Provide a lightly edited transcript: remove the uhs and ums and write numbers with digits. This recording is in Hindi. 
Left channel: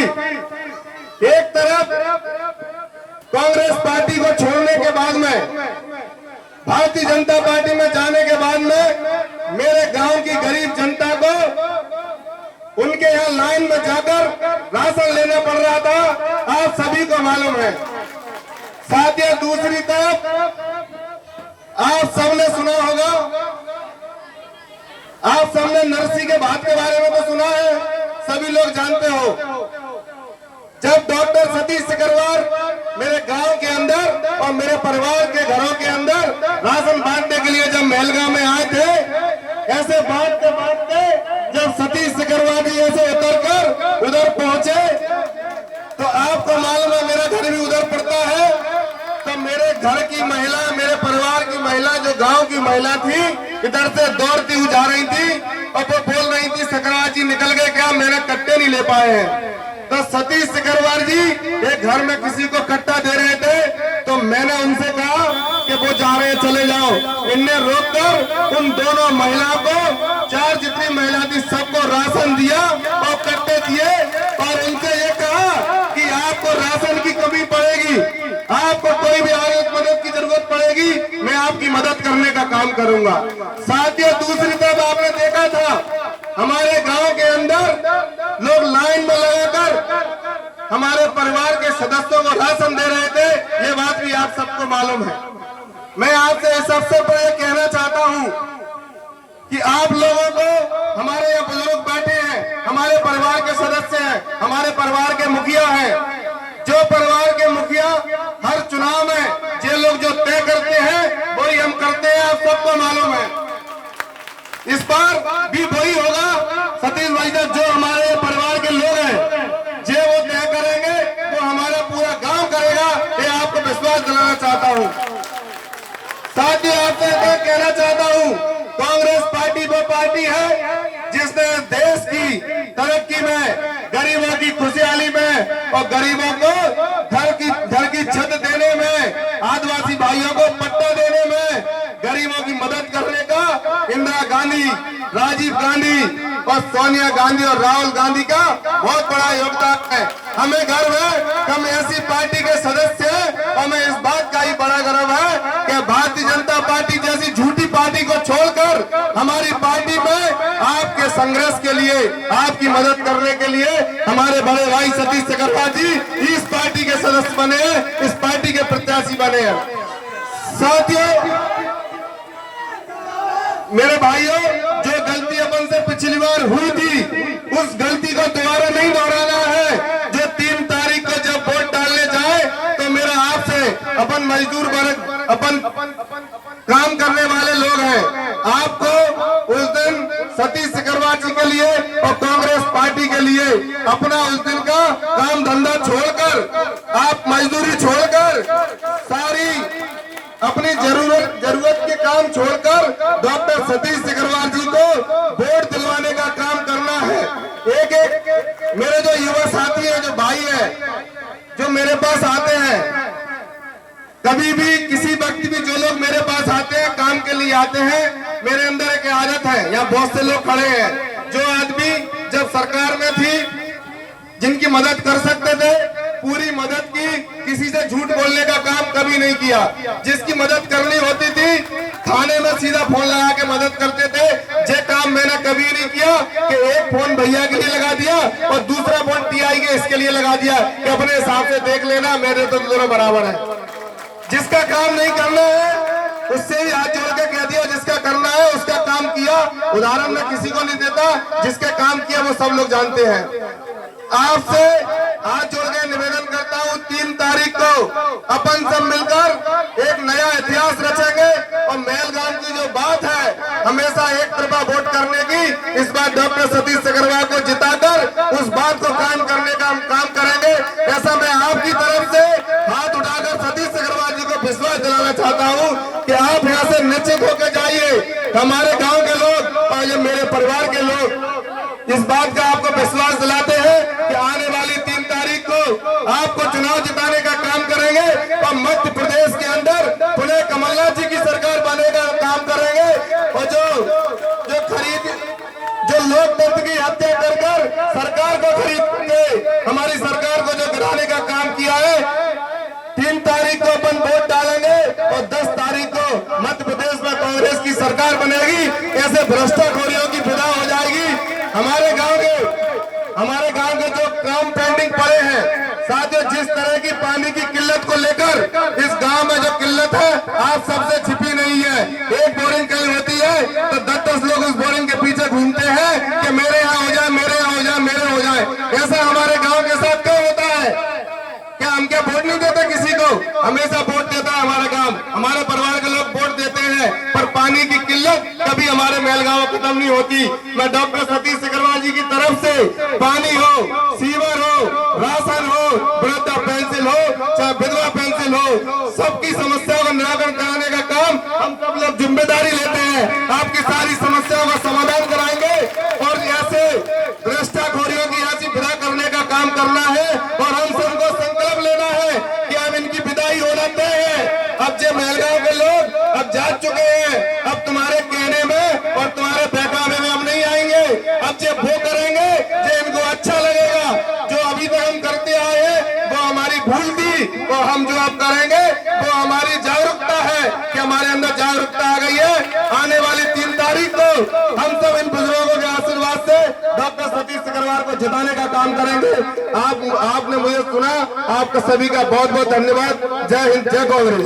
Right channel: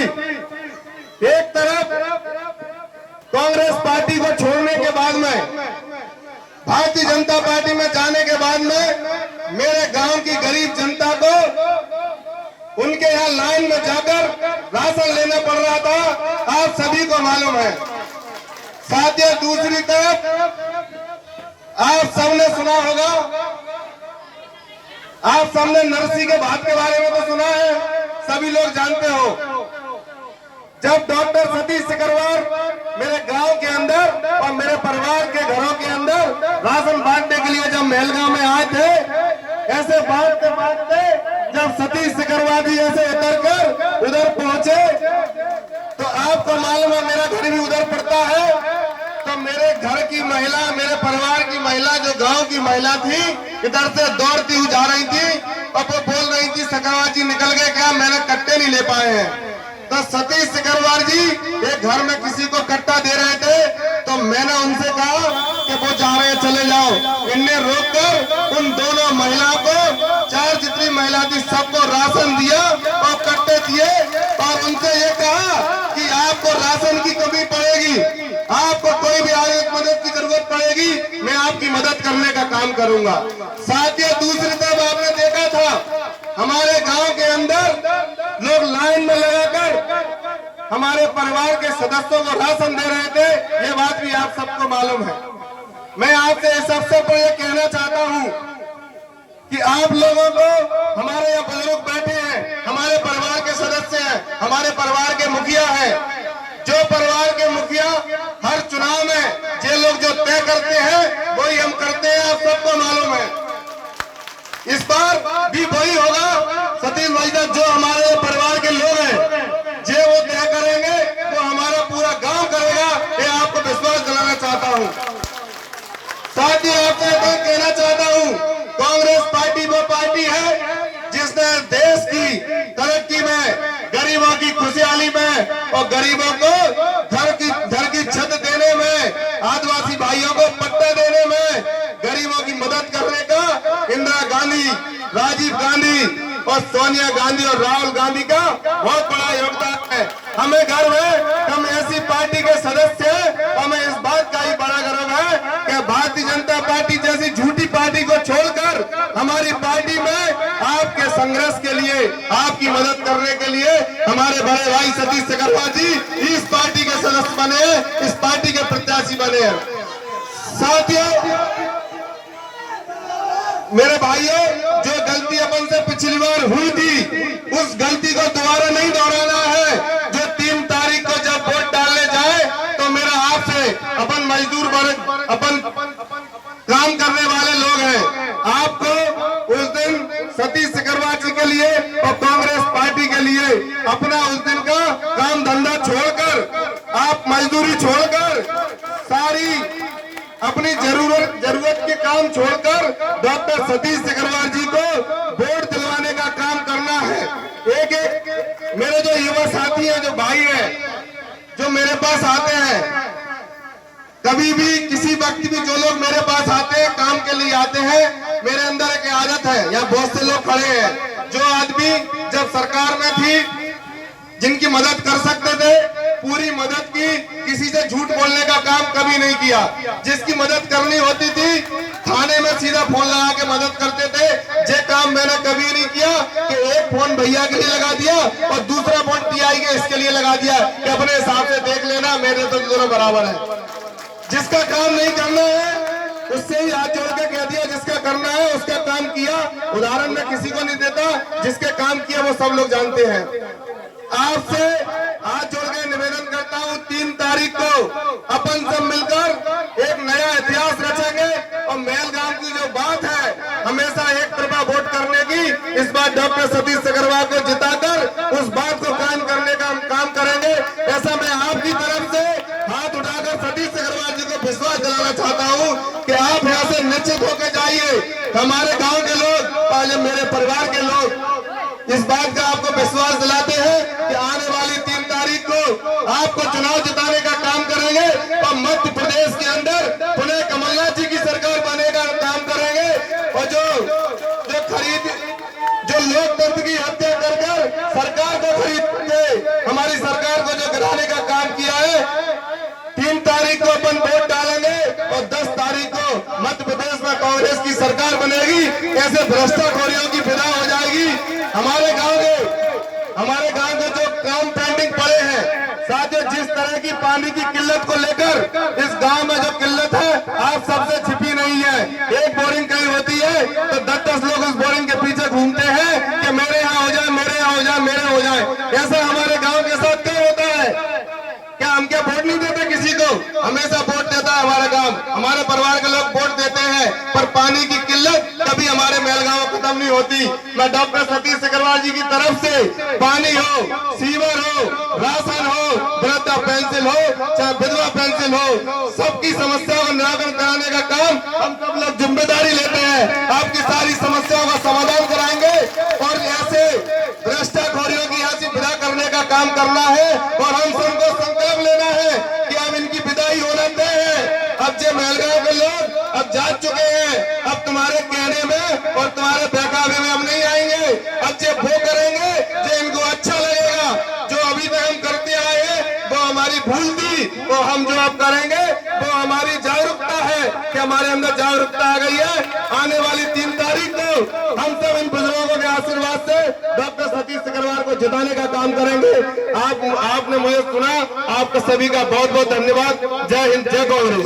भी एक तरफ कांग्रेस पार्टी को छोड़ने के बाद में, भारतीय जनता पार्टी में जाने के बाद में मेरे गांव की गरीब जनता को उनके यहाँ लाइन में जाकर राशन लेना पड़ रहा था, आप सभी को मालूम है। साथियों, दूसरी तरफ आप सबने सुना होगा, आप सबने नरसी के भात के बारे में तो सुना है, सभी लोग जानते हो। जब डॉक्टर सतीश सिकरवार मेरे गांव के अंदर और मेरे परिवार के घरों के अंदर राशन बांटने के लिए जब महलगांव में आए थे, ऐसे बांटते बांटते जब सतीश सिकरवार जी ऐसे उतर कर उधर पहुंचे तो आपको मालूम है मेरा घर भी उधर पड़ता है, तो मेरे घर की महिला, मेरे परिवार की महिला, जो गांव की महिला थी, इधर से दौड़ती हुई जा रही थी और वो बोल रही थी सिकरवार जी निकल गए क्या, मैंने कट्टे नहीं ले पाए हैं। तो सतीश सिकरवार जी एक घर में किसी को कट्टा दे रहे थे, तो मैंने उनसे कहा कि वो जा रहे हैं चले जाओ। इनने रोककर उन दोनों महिलाओं को, चार जितनी महिला थी सबको राशन दिया और कट्टे दिए और उनसे ये कहा कि आपको राशन की कमी पड़ेगी, आपको कोई भी आगे मदद की जरूरत पड़ेगी, मैं आपकी मदद करने का काम करूंगा। साथियों, दूसरी तरफ आपने देखा था हमारे गांव के अंदर लोग लाइन में लगाकर हमारे परिवार के सदस्यों को राशन दे रहे थे, ये बात भी आप सबको मालूम है। मैं आपसे इस अवसर पर यह कहना चाहता हूं कि आप लोगों को, हमारे यहाँ बुजुर्ग बैठे हैं, हमारे परिवार के सदस्य हैं, हमारे परिवार के मुखिया हैं, जो परिवार के मुखिया हर चुनाव में जे लोग जो तय करते हैं वही हम करते हैं, आप सबको मालूम है। इस बार भी वही होगा सतीश भाई साहब, जो हमारे परिवार के लोग हैं जो वो तय करेंगे, वो हमारा पूरा गांव करेगा, ये आपको विश्वास दिलाना चाहता हूं। साथ ही आपको कहना चाहता हूं, कांग्रेस पार्टी वो पार्टी है जिसने देश की तरक्की में, गरीबों की खुशहाली में और गरीबों को घर की छत देने में, आदिवासी भाइयों को पट्टा देने में, गरीबों की मदद करने का इंदिरा गांधी, राजीव गांधी और सोनिया गांधी और राहुल गांधी का बहुत बड़ा योगदान है। हमें गर्व है कि हम ऐसी पार्टी के सदस्य हैं। हमें इस बात का ही बड़ा गर्व है कि भारतीय जनता पार्टी जैसी झूठी पार्टी को छोड़कर हमारी पार्टी में आपके संघर्ष के लिए, आपकी मदद करने के लिए हमारे बड़े भाई सतीश सिकरवार जी इस पार्टी के सदस्य बने हैं, इस पार्टी के प्रत्याशी बने हैं। साथियों, मेरे भाइयों, जो गलती अपन से पिछली बार हुई थी उस गलती को दोबारा नहीं दोहराना है। जो 3 तारीख को जब वोट डालने जाए तो मेरा आपसे, अपन मजदूर वर्ग, अपन काम करने वाले लोग हैं, आपको उस दिन सतीश सिकरवार जी के लिए और कांग्रेस पार्टी के लिए अपना उस दिन का काम धंधा छोड़कर, आप मजदूरी छोड़कर, सारी अपनी जरूरत के काम छोड़कर डॉक्टर सतीश सिकरवार जी को वोट दिलवाने का काम करना है। एक एक मेरे जो युवा साथी है, जो भाई है, जो मेरे पास आते हैं, कभी भी किसी वक्त भी जो लोग मेरे पास आते हैं, काम के लिए आते हैं, मेरे अंदर एक आदत है, यहाँ बहुत से लोग खड़े हैं, जो आदमी जब सरकार में थी जिनकी मदद कर सकते थे, पूरी मदद की, किसी से झूठ बोलने का काम कभी नहीं किया। जिसकी मदद करनी होती थी थाने में सीधा फोन लगा के मदद करते थे। ये काम मैंने कभी नहीं किया कि एक फोन भैया के लिए लगा दिया और दूसरा फोन टीआई के इसके लिए लगा दिया कि अपने हिसाब से देख लेना, मेरे तो दोनों बराबर है। जिसका काम नहीं करना है उससे भी हाथ जोड़ के कह दिया, जिसका करना है उसका काम किया। उदाहरण मैं किसी को नहीं देता, जिसके काम किया वो सब लोग जानते हैं। आपसे हाथ जोड़ के निवेदन करता हूं, 3 तारीख को अपन सब मिलकर एक नया इतिहास रचेंगे और महलगांव की जो बात है हमेशा एक तरफा वोट करने की, इस बार डॉक्टर सतीश सिकरवार को जिताकर उस बात को कायम करने का हम काम करेंगे। ऐसा मैं आपकी तरफ से हाथ उठाकर सतीश सिकरवार जी को विश्वास दिलाना चाहता हूँ कि आप यहाँ से निश्चित होकर जाइए। हमारे गाँव के लोग और मेरे परिवार के लोग इस बात का आपको विश्वास दिलाते हैं कि आने वाली 3 तारीख को आपको चुनाव जिताने का काम करेंगे और मध्य प्रदेश के अंदर पुनः कमलनाथ जी की सरकार बनेगा का काम करेंगे। और जो लोकतंत्र की हत्या कर सरकार को खरीद के हमारी सरकार को जो गिराने का काम किया है, 3 तारीख को अपन वोट डालेंगे और 10 तारीख को मध्य प्रदेश में कांग्रेस की सरकार बनेगी। ऐसे भ्रष्टाखोरियों की विदा हो जाएगी। हमारे गांव के जो काम पेंडिंग पड़े हैं, साथियों, जिस तरह की पानी की किल्लत को लेकर इस गांव में जो किल्लत है आप सबसे छिपी नहीं है। एक बोरिंग कहीं होती है तो 10-10 लोग उस बोरिंग के पीछे घूमते हैं कि मेरे यहाँ हो जाए, मेरे यहाँ हो जाए, मेरे हो जाए। ऐसा हमारे गांव के साथ क्यों होता है? क्या हम क्या वोट नहीं देते किसी को? हमेशा वोट देता है हमारा गांव, हमारे परिवार के लोग वोट देते हैं, पर पानी की किल्लत कभी हमारे मेलगांव खत्म नहीं होती। मैं डॉक्टर सतीश सिकरवार जी की तरफ से पानी हो, सीवर हो, राशन हो, वृद्धा पेंशन हो, चाहे विधवा पेंशन हो, सबकी समस्याओं का निराकरण कराने का काम हम सब लोग जिम्मेदारी लेते हैं। आपकी सारी समस्याओं का समाधान कराएंगे और ऐसे भ्रष्टाखोरियों की ऐसी विदा करने का काम करना है और हम सबको संकल्प लेना है कि हम इनकी विदाई होना तय है। अब जो मेलगांव के लोग अब जा चुके हैं, अब तुम्हारे कहने में और तुम्हारे बहकावे में हम नहीं आएंगे। अब जो वो करेंगे जो इनको अच्छा लगेगा। जो अभी तक हम करते आए हैं वो हमारी भूल थी, वो हम जो अब करेंगे वो हमारी जागरूकता है कि हमारे अंदर जागरूकता आ गई है। आने वाली 3 तारीख को हम सब इन बुजुर्गों के आशीर्वाद से डॉक्टर सतीश सिकरवार को जिताने का काम करेंगे। आपने मुझे सुना, आपका सभी का बहुत बहुत धन्यवाद। जय हिंद, जय कांग्रेस।